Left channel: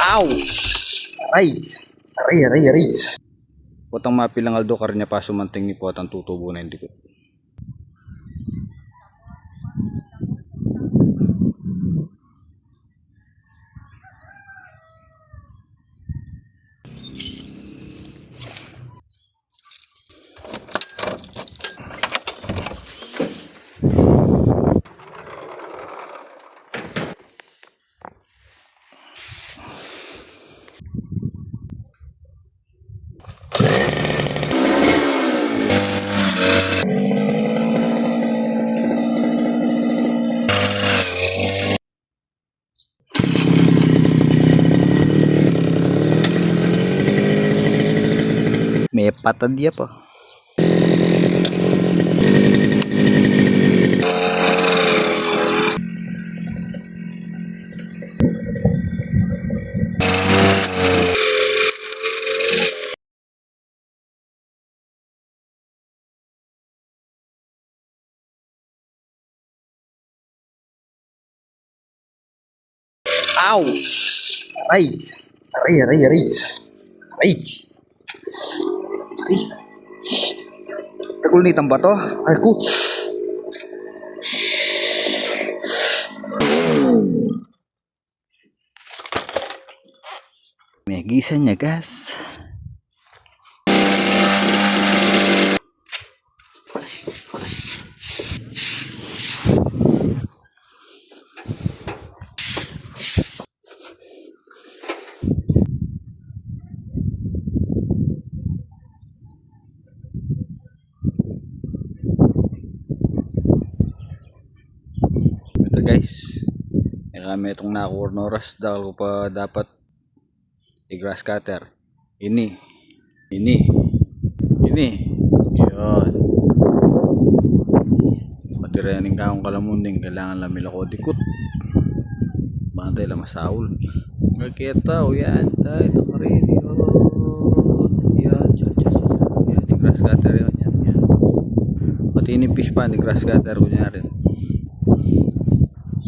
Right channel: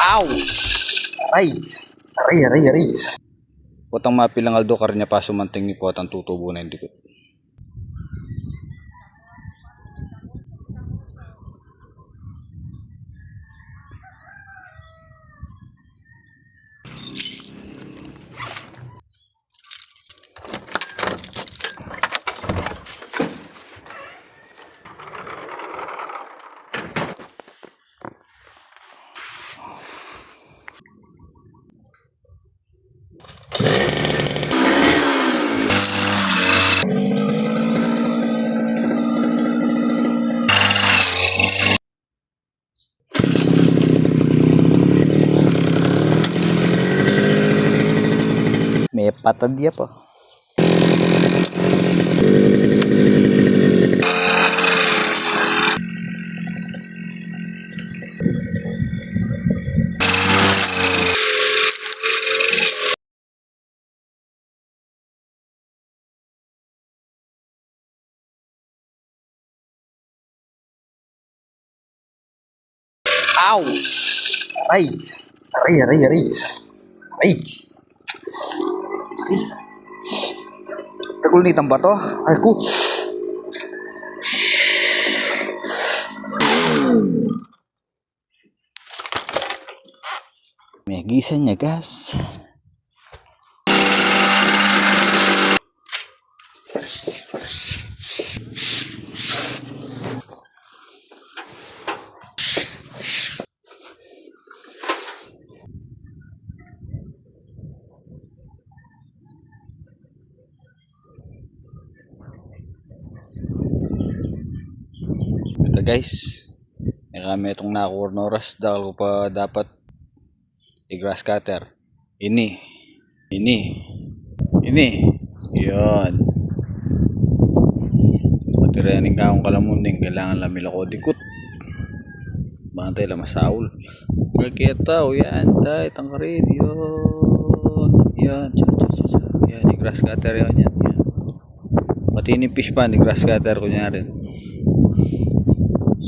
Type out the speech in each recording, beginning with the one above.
Ow! Aray! Aray, aray, aray. Potang mapilang aldo karnya pa sumanting ni potang tutubo na hindi ko. May patad dia pa. Ow! Aray! Aray, aray, aray. Aray! Aray! Tagul ni tamba to. Ay ko. May gisa niya, guys. Ito guys, kami itong nakuha na oras dahil ko pa dapat i-grass cutter. Ini yun. Matirayanin ka akong kalamunding, kailangan lang mila ko dikot bantay lang masaul kakita o yan tayo itong rin yan i-grass cutter yan pati ni fish pan i-grass cutter ko niya rin.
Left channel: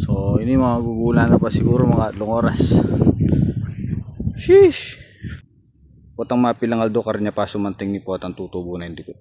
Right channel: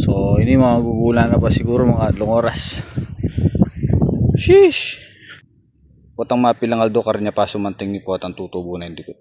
So ini magugulan na pa siguro mga 3 oras. Sheesh. Potang mapilang aldo karnya pa sumanting ni potang tutubo na hindi ko.